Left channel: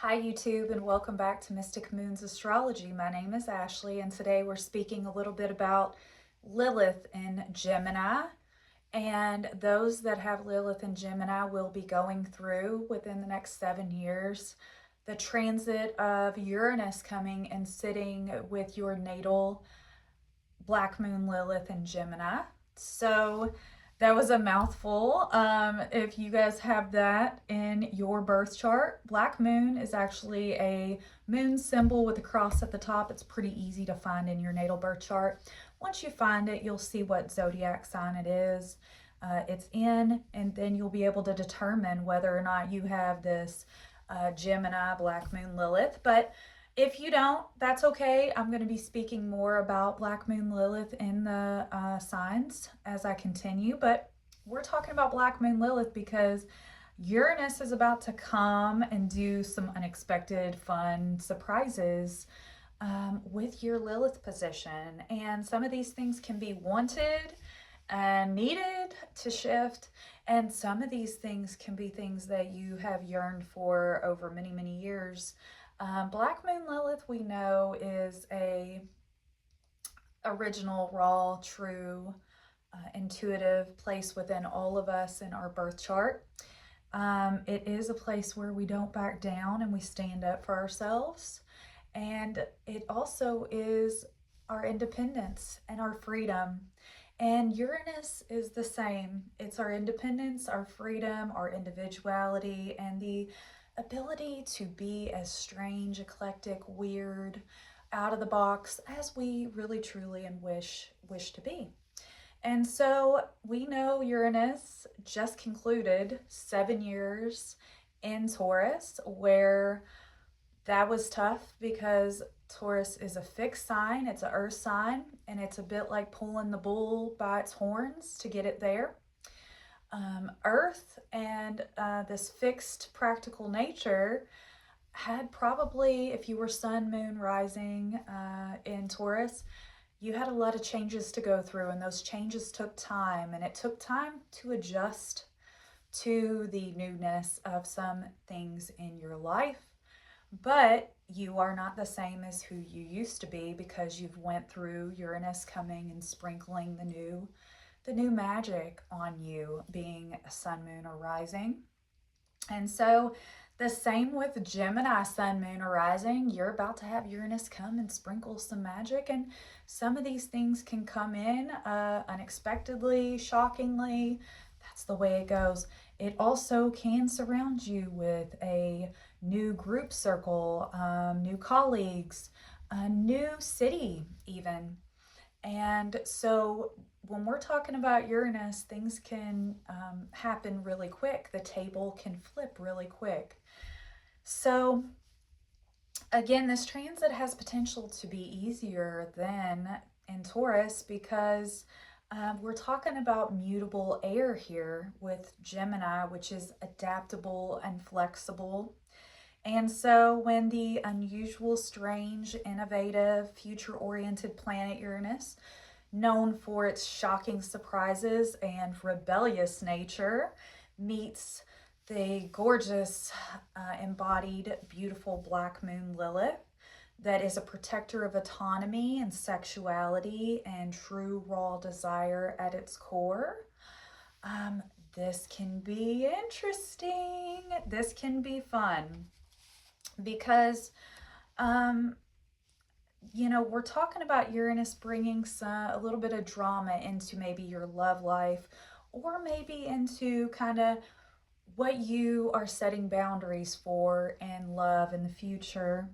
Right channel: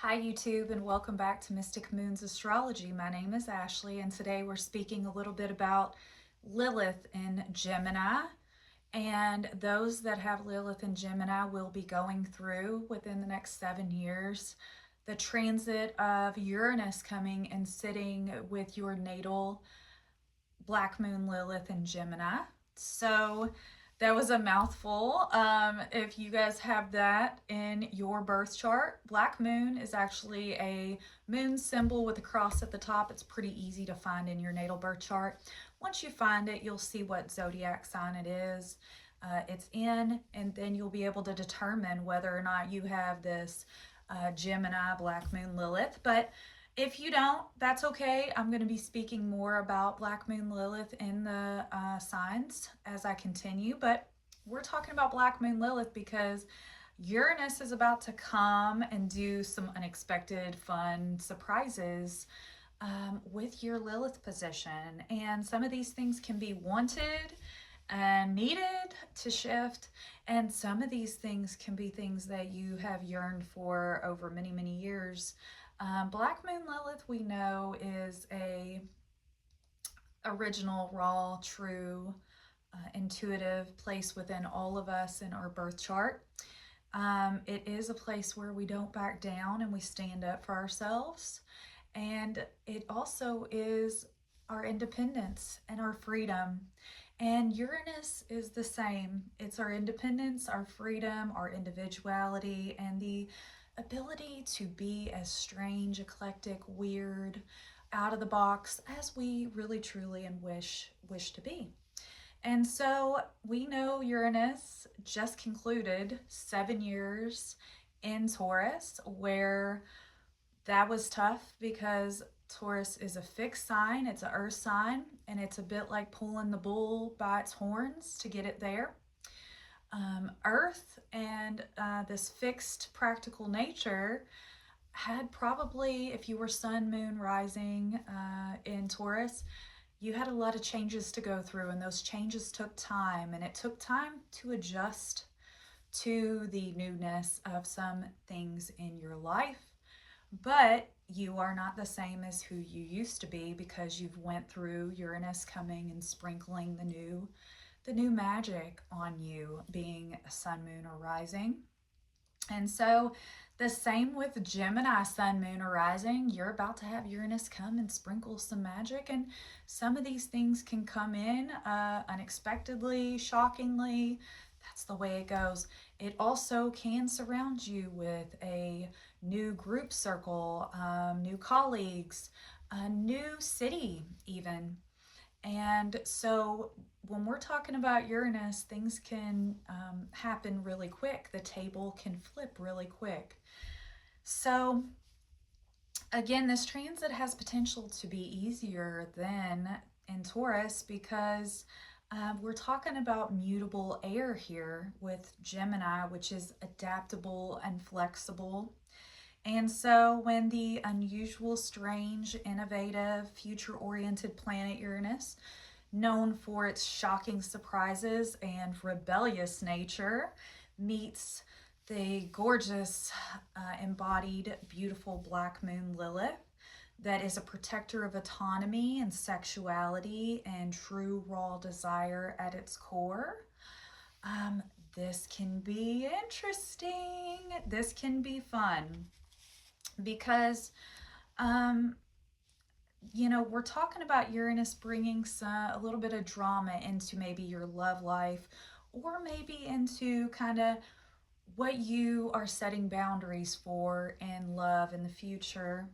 Hi YouTube, and welcome back to Mystic Moons Astrology. My name is Ashley, and today we're speaking a little bit about Lilith in Gemini. And those that have Lilith in Gemini will be going through within the next 7 years the transit of Uranus coming and sitting with your natal Black Moon Lilith in Gemini. So that was a mouthful. If you guys have that in your birth chart, Black Moon is actually a moon symbol with a cross at the top. It's pretty easy to find in your natal birth chart. Once you find it, you'll see what zodiac sign it is. It's in, and then you'll be able to determine whether or not you have this Gemini Black Moon Lilith. But if you don't, that's okay. I'm going to be speaking more about Black Moon Lilith in the signs as I continue, but we're talking about Black Moon Lilith because Uranus is about to come and do some unexpected fun surprises with your Lilith position. And some of these things can be wanted and needed to shift. And some of these things can be things that you have yearned for over many, many years. Black Moon Lilith, we know, is a original, raw, true, intuitive place within all of us in our birth chart. It is a place where we don't back down and we stand up for ourselves. And it also is our independence and our freedom. And Uranus is the same. It's our independence, our freedom, our individuality, and the ability to be as strange, eclectic, weird, out of the box as we really, truly, and wish to be. And so we know Uranus just concluded 7 years in Taurus, where that was tough because Taurus is a fixed sign, it's an earth sign, and it's a bit like pulling the bull by its horns to get it there. Earth and this fixed practical nature had probably, if you were sun, moon, rising in Taurus, you had a lot of changes to go through, and those changes took time, and it took time to adjust to the newness of some things in your life. But you are not the same as who you used to be because you've went through Uranus coming and sprinkling the new magic on you, being a sun, moon, or rising. And so the same with Gemini sun, moon, or rising. You're about to have Uranus come and sprinkle some magic, and some of these things can come in unexpectedly, shockingly. That's the way it goes. It also can surround you with a new group circle, new colleagues, a new city even. And so when we're talking about Uranus, things can happen really quick. The table can flip really quick. So again, this transit has potential to be easier than in Taurus because we're talking about mutable air here with Gemini, which is adaptable and flexible. And so when the unusual, strange, innovative, future-oriented planet Uranus, known for its shocking surprises and rebellious nature, meets the gorgeous, embodied, beautiful Black Moon Lilith, that is a protector of autonomy and sexuality and true raw desire at its core. This can be interesting. This can be fun because, you know, we're talking about Uranus bringing a little bit of drama into maybe your love life, or maybe into kind of what you are setting boundaries for in love in the future.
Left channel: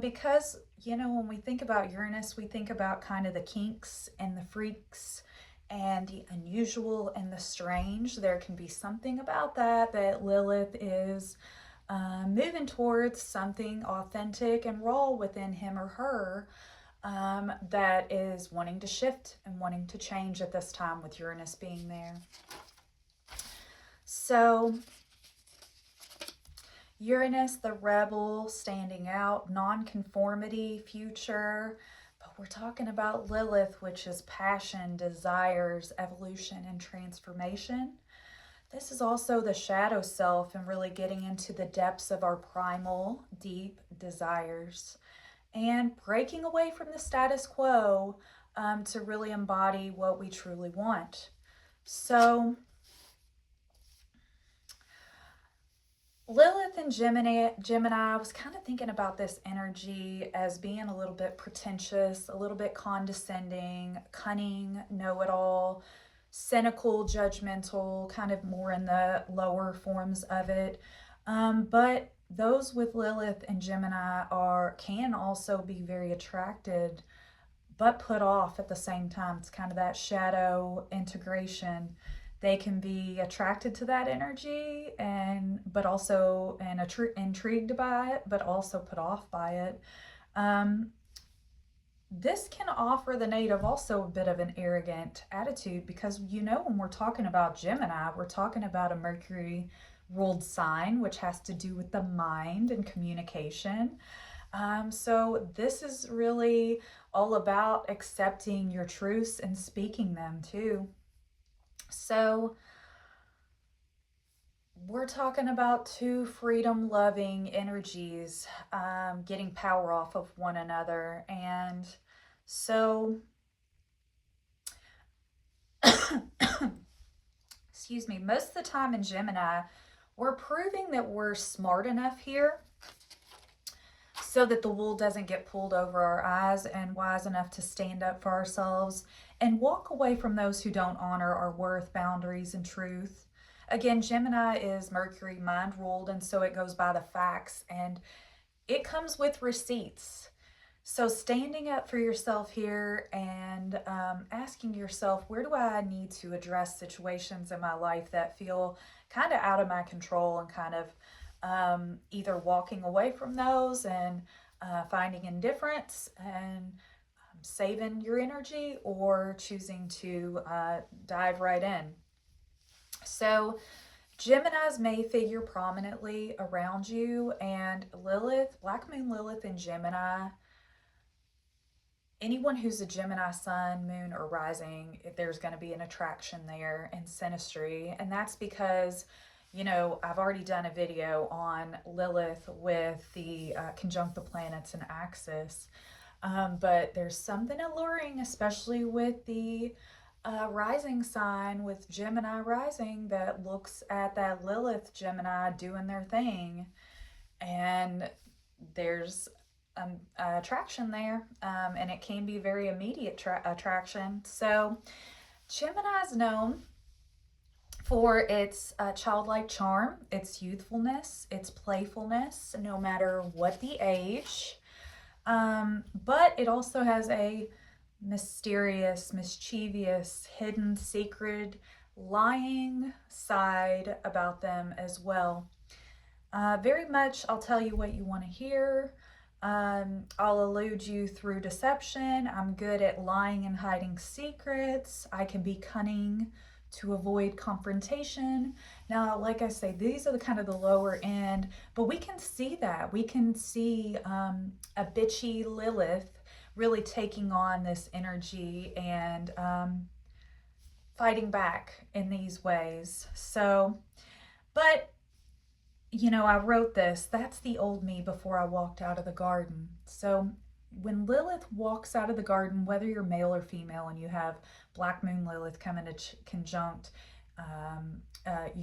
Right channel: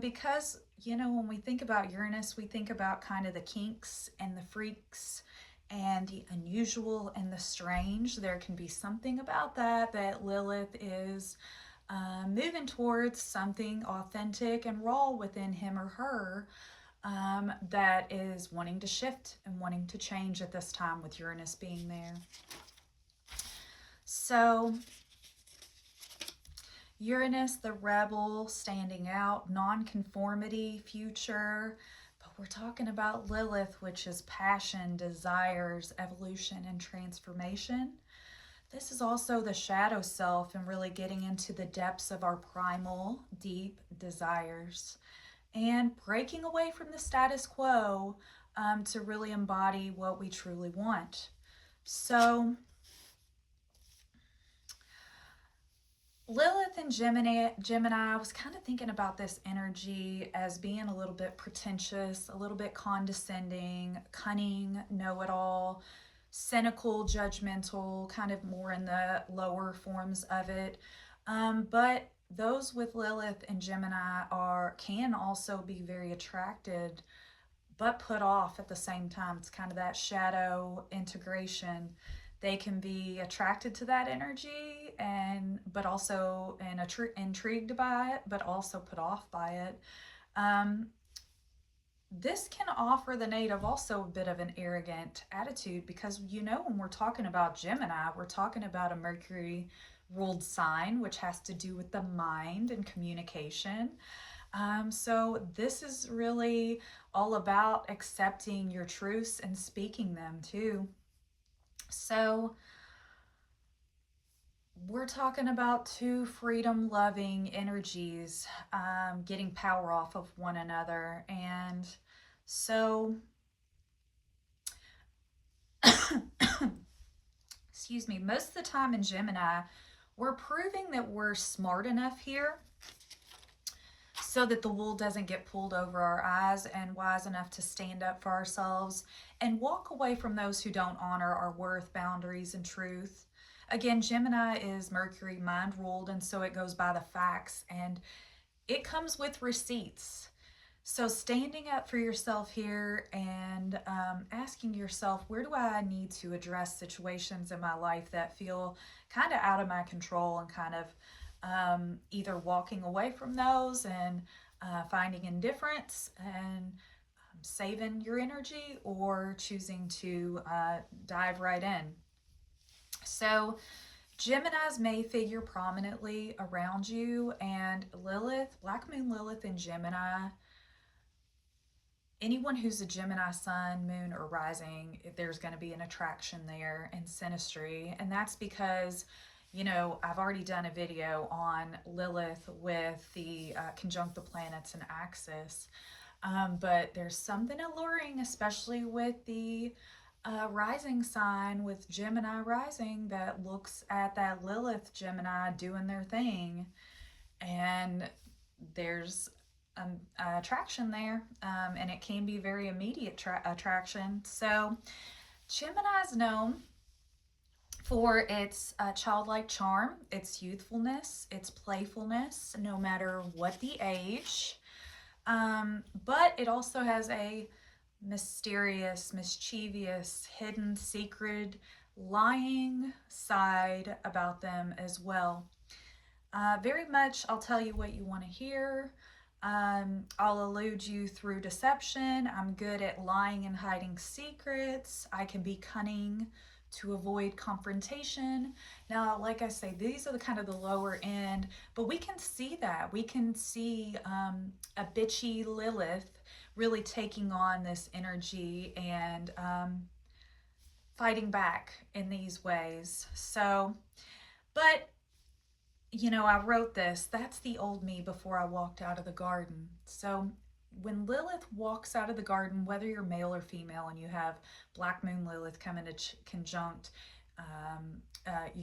Because, you know, when we think about Uranus, we think about kind of the kinks and the freaks and the unusual and the strange. There can be something about that Lilith is moving towards, something authentic and raw within him or her that is wanting to shift and wanting to change at this time with Uranus being there. So Uranus, the rebel, standing out, non-conformity, future. But we're talking about Lilith, which is passion, desires, evolution, and transformation. This is also the shadow self and really getting into the depths of our primal, deep desires and breaking away from the status quo to really embody what we truly want. So Lilith and Gemini, I was kind of thinking about this energy as being a little bit pretentious, a little bit condescending, cunning, know-it-all, cynical, judgmental, kind of more in the lower forms of it. But those with Lilith and Gemini can also be very attracted, but put off at the same time. It's kind of that shadow integration. They can be attracted to that energy but also intrigued by it, but also put off by it. This can offer the native also a bit of an arrogant attitude because, when we're talking about Gemini, we're talking about a Mercury ruled sign, which has to do with the mind and communication. So this is really all about accepting your truths and speaking them too. So we're talking about two freedom-loving energies getting power off of one another. And so, excuse me, most of the time in Gemini, we're proving that we're smart enough here so that the wool doesn't get pulled over our eyes, and wise enough to stand up for ourselves and walk away from those who don't honor our worth, boundaries, and truth. Again, Gemini is Mercury mind ruled, and so it goes by the facts and it comes with receipts. So standing up for yourself here and asking yourself, where do I need to address situations in my life that feel kind of out of my control, and kind of either walking away from those and finding indifference and saving your energy, or choosing to dive right in. So Geminis may figure prominently around you, and Lilith, Black Moon Lilith in Gemini, anyone who's a Gemini sun, moon, or rising, there's going to be an attraction there and synastry. And that's because, I've already done a video on Lilith with the conjunct the planets and axis. But there's something alluring, especially with the rising sign with Gemini rising, that looks at that Lilith Gemini doing their thing. And there's attraction there, and it can be very immediate attraction. So Gemini is known for its childlike charm, its youthfulness, its playfulness, no matter what the age. But it also has a mysterious, mischievous, hidden, secret, lying side about them as well. Very much, I'll tell you what you want to hear. I'll elude you through deception. I'm good at lying and hiding secrets. I can be cunning to avoid confrontation. Now, like I say, these are the kind of the lower end, but we can see that. We can see a bitchy Lilith really taking on this energy and fighting back in these ways. So, but I wrote this, that's the old me before I walked out of the garden. So when Lilith walks out of the garden, whether you're male or female, and you have Black Moon Lilith coming to conjunct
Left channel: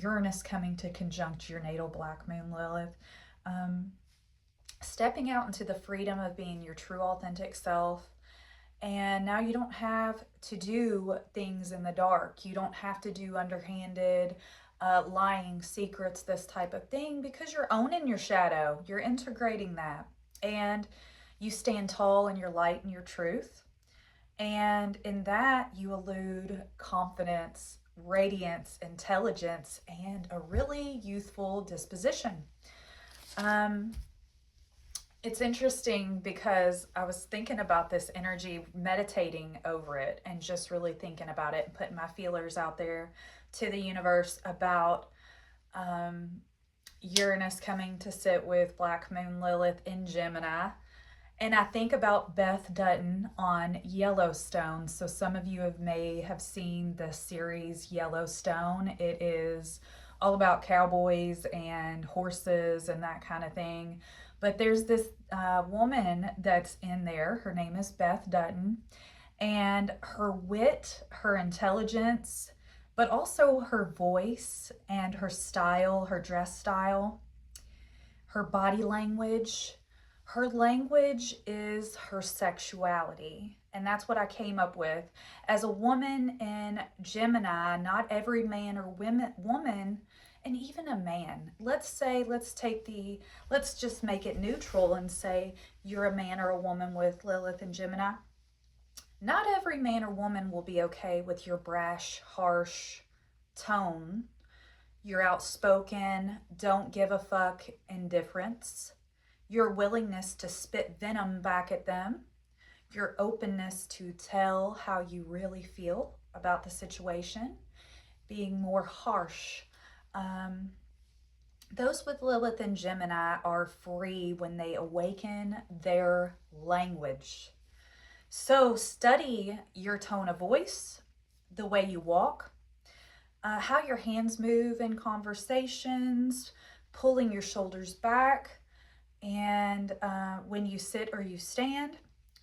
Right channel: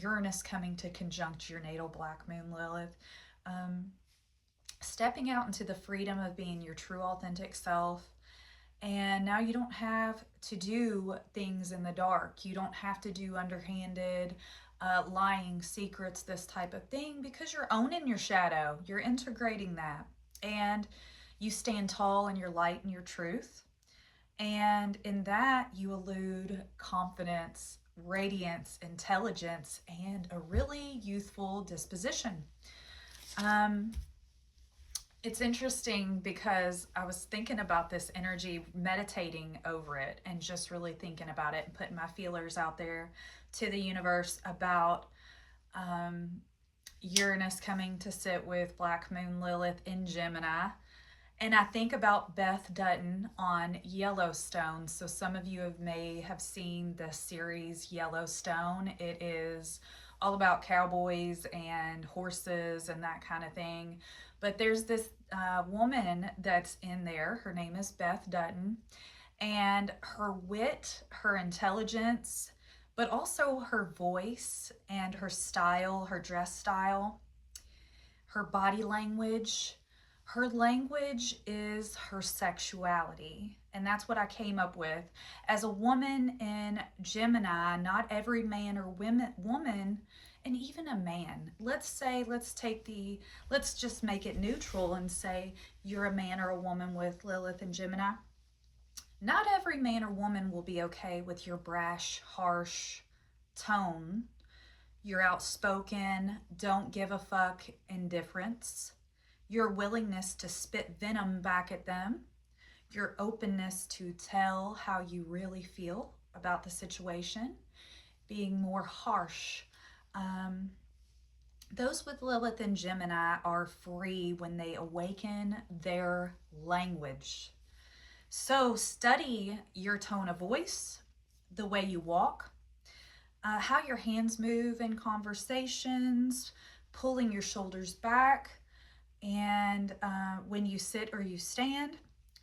Uranus coming to conjunct your natal Black Moon Lilith, stepping out into the freedom of being your true authentic self. And now you don't have to do things in the dark. You don't have to do underhanded lying, secrets, this type of thing, because you're owning your shadow. You're integrating that, and you stand tall in your light and your truth. And in that, you elude confidence, radiance, intelligence, and a really youthful disposition. It's interesting because I was thinking about this energy, meditating over it, and just really thinking about it and putting my feelers out there to the universe about Uranus coming to sit with Black Moon Lilith in Gemini. And I think about Beth Dutton on Yellowstone. So some of you may have seen the series Yellowstone. It is all about cowboys and horses and that kind of thing. But there's this woman that's in there. Her name is Beth Dutton. And her wit, her intelligence, but also her voice and her style, her dress style, her body language. Her language is her sexuality. And that's what I came up with. As a woman in Gemini, not every man or woman, and even a man, let's just make it neutral and say you're a man or a woman with Lilith and Gemini. Not every man or woman will be okay with your brash, harsh tone, your outspoken, don't give a fuck indifference, your willingness to spit venom back at them, your openness to tell how you really feel about the situation, being more harsh. Those with Lilith and Gemini are free when they awaken their language. So study your tone of voice, the way you walk, how your hands move in conversations, pulling your shoulders back, and when you sit or you stand,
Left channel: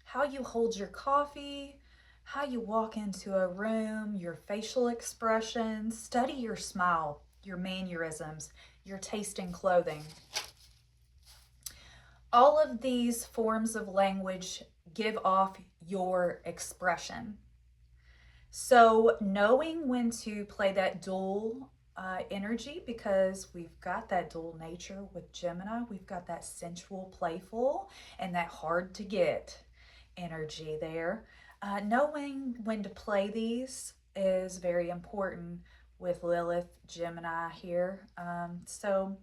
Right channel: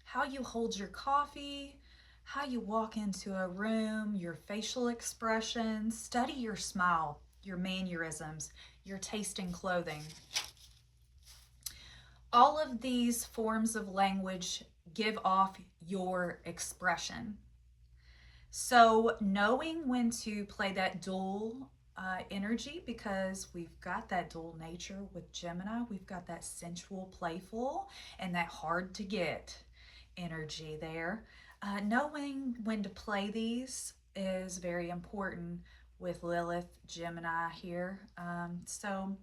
how you hold your coffee, how you walk into a room, your facial expressions. Study your smile, your mannerisms, your taste in clothing. All of these forms of language give off your expression. So knowing when to play that dual energy, because we've got that dual nature with Gemini, we've got that sensual, playful, and that hard to get energy there. Knowing when to play these is very important with Lilith, Gemini here. So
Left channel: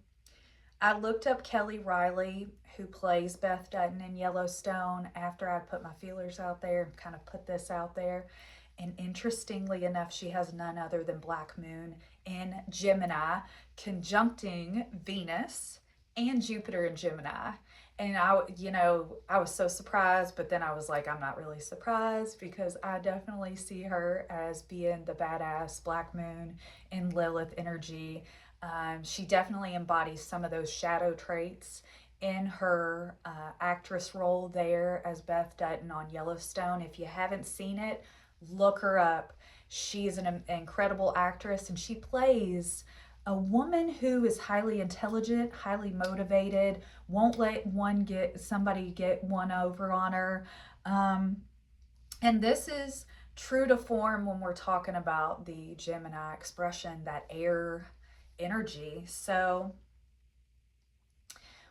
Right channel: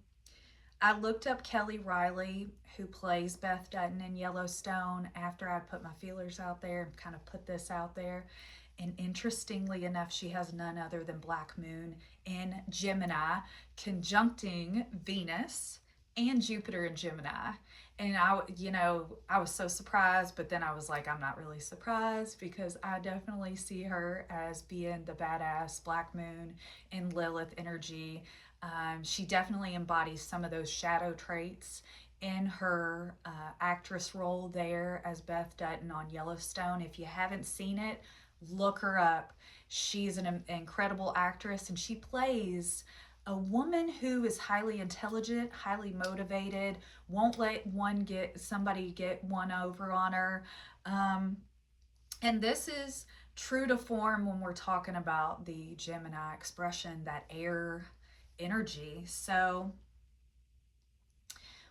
I looked up Kelly Riley, who plays Beth Dutton in Yellowstone, after I put my feelers out there and kind of put this out there. And interestingly enough, she has none other than Black Moon in Gemini, conjuncting Venus and Jupiter in Gemini. And I was so surprised, but then I was like, I'm not really surprised, because I definitely see her as being the badass Black Moon in Lilith energy. She definitely embodies some of those shadow traits in her actress role there as Beth Dutton on Yellowstone. If you haven't seen it, look her up. She's an incredible actress, and she plays a woman who is highly intelligent, highly motivated, won't let somebody get one over on her. And this is true to form when we're talking about the Gemini expression, that air energy. So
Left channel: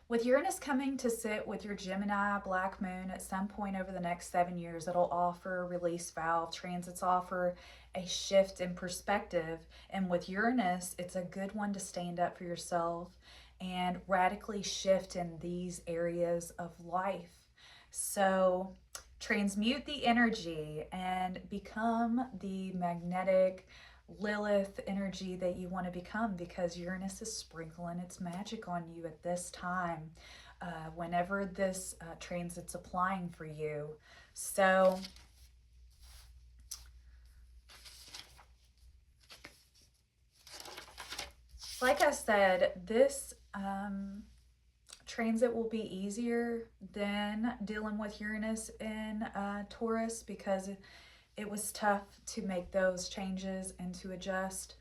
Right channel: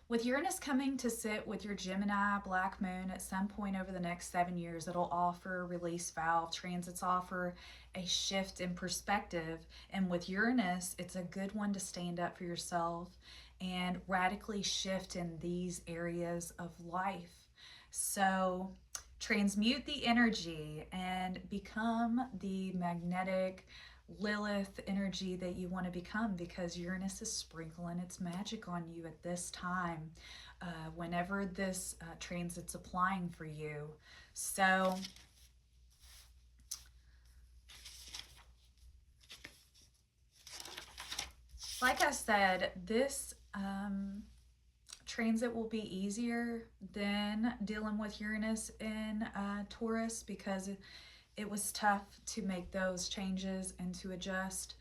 with Uranus coming to sit with your Gemini Black Moon at some point over the next 7 years, it'll offer release valve. Transits offer a shift in perspective. And with Uranus, it's a good one to stand up for yourself and radically shift in these areas of life. So transmute the energy and become the magnetic Lilith energy that you want to become, because Uranus is sprinkling its magic on you at this time, whenever this transit's applying for you. So like I said, this transit will be easier than dealing with Uranus in Taurus, because it was tough to make those changes and to adjust.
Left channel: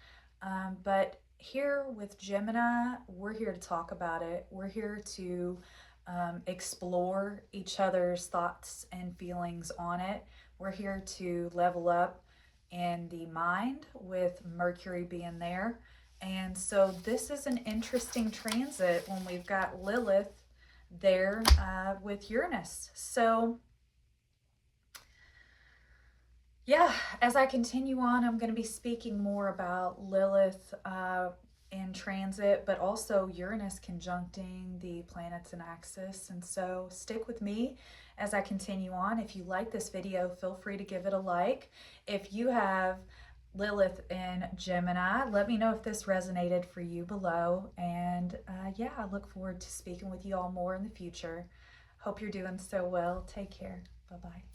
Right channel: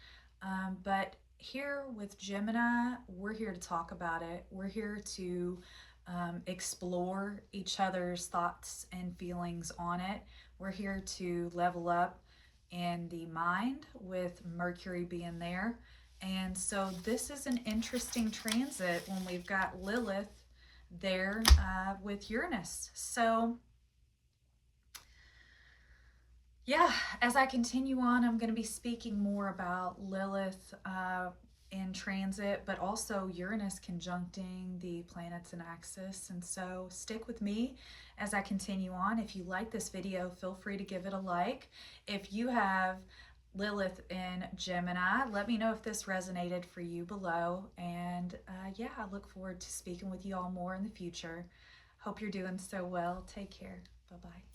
But here with Gemini, we're here to talk about it. We're here to explore each other's thoughts and feelings on it. We're here to level up in the mind with Mercury being there. And so this is an interesting transit when we've got Lilith there with Uranus. So yeah, as I continue on, I'm going to be speaking more about Lilith in transit, but also Uranus conjuncting the planets in axis. And so stick with me as I continue on. If you like this video, feel free to give it a like. If you have Lilith in Gemini, let me know if this resonated for you below. And yeah, I look forward to speaking with you all more in the future. Hope you're doing so well. Take care. Bye-bye.